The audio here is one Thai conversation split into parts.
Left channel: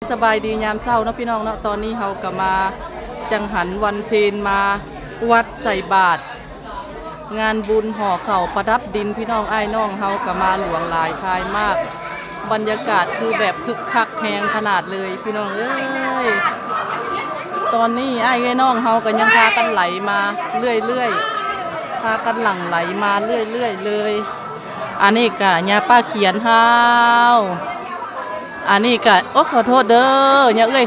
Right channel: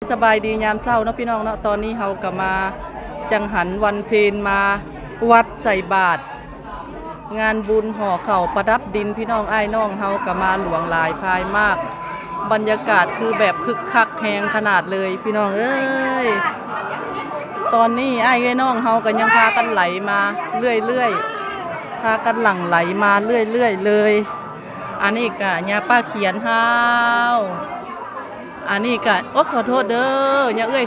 สบายดียามเช้าเนาะพี่น้องเนาะตอนนี้เฮาก็มาจังหันวันเพ็ญมาวัดใส่บาตรงานบุญห่อเข่าประดับดินพี่น้องอ้ายน้องเฮาก็มาหลวงหลายพายมากบรรยากาศคือแบบคึกคักแฮงขนาดเลยพี่น้องเอ้ยตอนนี้อ้ายน้องเฮาก็ยังพากันไหลมาเรื่อยๆพากันหลั่งไหลมาเรื่อยๆเลยอันนี้ก็ย่าป้าเขียนเฮาอันนี้ก็โอ้ขอโทษเด้ออย่าเอ้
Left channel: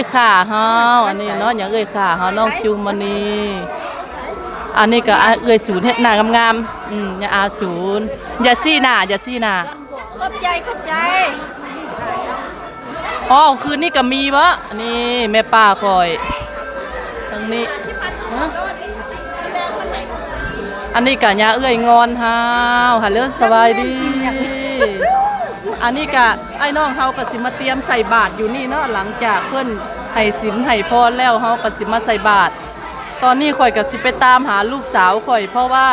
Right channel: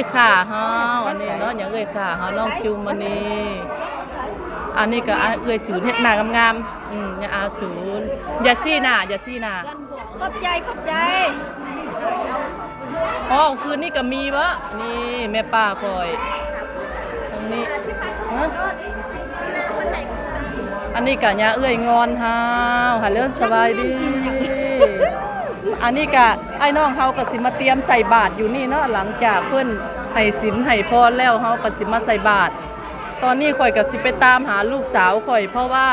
ยขาเฮาอันนี้เนาะอย่าเอ้ยขาเฮาน้องจุมวันนี้อันนี้ก็เอ้ยศูนย์เฮ็ดหน้างามๆอย่าอาศูนย์อย่าซี่หน้าขอบใจอ๋อคืนนี้ก็มีวะนี่แม่ป้าคอยตรงนี้อันนี้ก็ย่าเอ้ยงอนเฮาฮัลโหลสบายดีอันนี้ก็ไอ้น้องเฮาก็สิมาเตรียมใส่บาตรอยู่นี่เนาะหลังจากเพิ่นให้ศีลให้พรแล้วเฮาก็สิมาใส่บาตรตอนนี้ข่อยก็สิไปตามหาลูกสาวข่อยเพราะว่า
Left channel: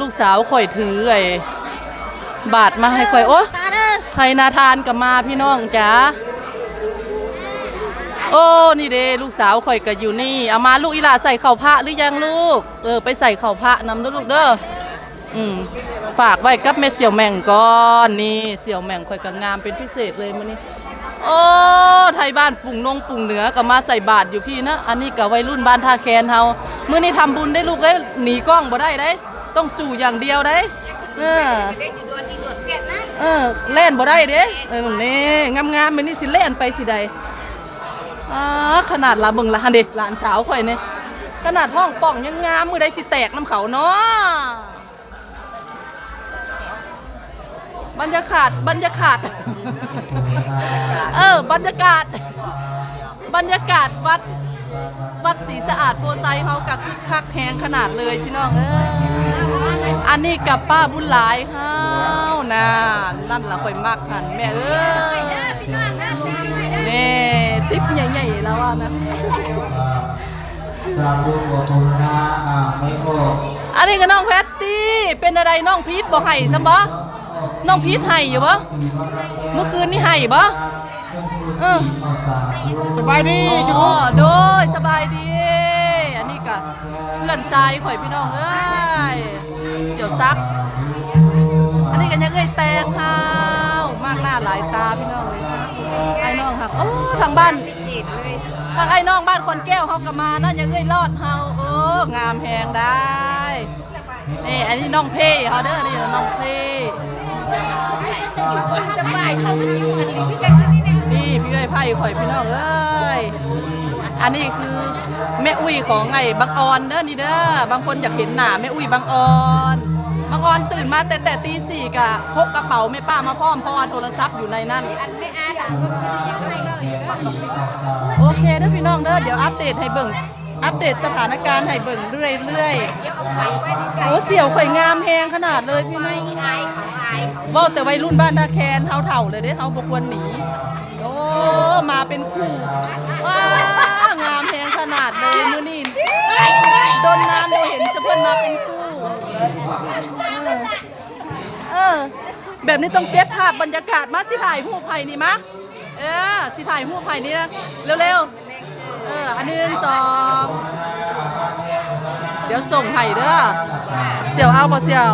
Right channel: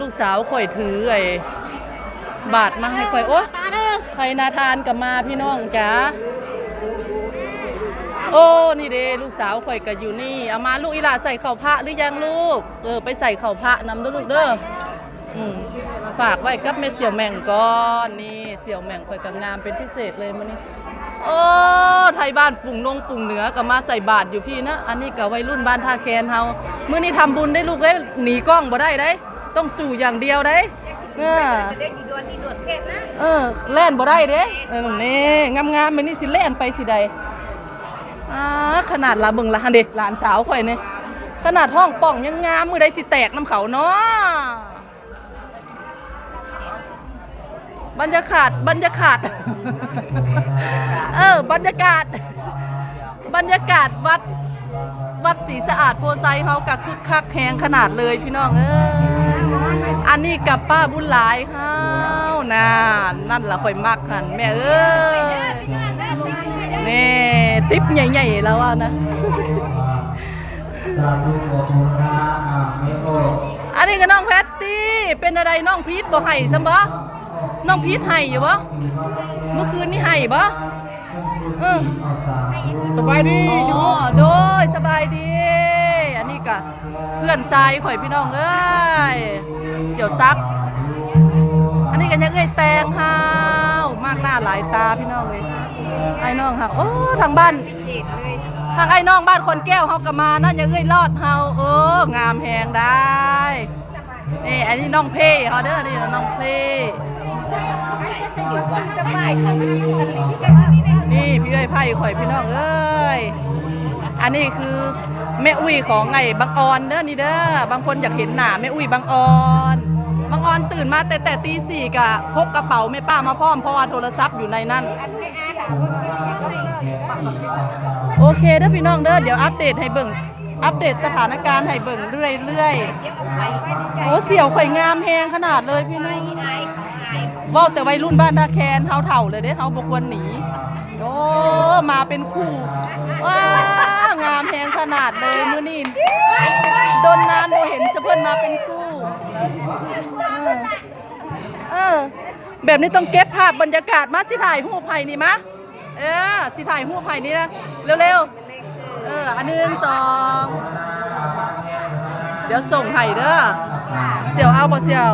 ลูกสาวข่อยถือไอ้บาตรมาให้ข่อยโอ้ไทยนาทานก็มาพี่น้องจ๋าโอ้นี่เด้ลูกสาวข่อยก็อยู่นี่เอามาลูกอีหล่าใส่เข่าพระหรือยังลูกไปใส่เข่าพระนำด้วยลูกเด้อฝากไว้กับแม่เสี่ยวแม่งก่อนนี่เสี่ยวแม่งข่อยก็งามเป็นพิเศษเลยมื้อนี้โอ้ไทยบ้านปุ่งเหนือก็มาใส่บาตรอยู่พี่นะอันนี้ก็วัยรุ่นบ้านท่าแคนเฮามื้อนี้ทำบุญได้ลูกเอ้ยหนีกล้องบ่ได้เด้ต้องสู่อย่างเดียวเด้แล่นบ่ได้เด้นี่งามๆมื้อนี้สิแล่นไปสิใดขนาดละเบิ่งละหั่นเด้หลานสาวข่อยนี่ขนาดห้องป่องยังงามมื้อใดสิแตกน้ำเขาเนาะบรรยากาศบรรยากาศวัดศรีสะอาดโพไซเฮากับคึกคักแหงขนาดเลยพี่น้องอันนี้กับป้าบุญหลายเฮานั่นล่ะข่อยมักหันแม่นี่ติ๊บใหญ่ๆแล้วนะอันนี้ก็น้องแพตตี้เป็นอะไรน้องพีทบ่ให้ซะบ่น้องพีทให้อยู่บ่เมื่อคืนนี่ให้บ่สบายดีจุ๊บโดยสบายดีอันนี้ก็เพื่อนชายข่อยพี่น้องเอ้ยเสี่ยวซักอันนี้ก็ยังเอ้ยแตงฮาวมากหน้าหลายตาพี่น้องเลยไอ้น้องค่ะโอ้ทางบ้านทางไอ้น้องบ้านคนแก้วเฮาก็มานะยังเอ้ยรอดเฮาโอ้งามแหงได้นี่อันนี้น้องเพ่เฮาเด้อนี่น้องเพ่นี่พี่เอ้ยไผ่ข่อยพี่น้องเอ้ยอันนี้คือแม่อุ้ยของไงบางออนเด้อนี่เด้อบางคนอยากเห็นหน้าแม่อุ้ยบางออนตื่นมาแต่ตี 4กะพกกระเป๋าแม่ป้ามาพร้อมเพราะว่าโทรศัพท์อยู่ในนั้นโอเคเด้อพี่น้องเด้อเดี๋ยวอัปเดตให้เบิ่งอัปเดตสถานการณ์ให้เบิ่งเรื่อยโอ้เสี่ยวข่อยงามแฮงขนาดเลยพี่น้องว่าแต่วัยรุ่นบ้านตาแคนเฮาเถ่าเลยเด้เฮาบ่ควรหนีโอ้มาเป็นคู่ว้างามแฮงขนาดเลยมื้อนี้โดนนานบ่เห็นจะเพิ่นมาเป็นคู่แบบนี้ต้องเก็บภาพบรรยากาศมาสิถ่ายรูปไผ่นี่มะสิถ่ายรูปไผ่นี่นะเร็วๆอัน1 2เดี๋ยวส่งไผ่เด้อเสี่ยวเอาบ่เสี่ยว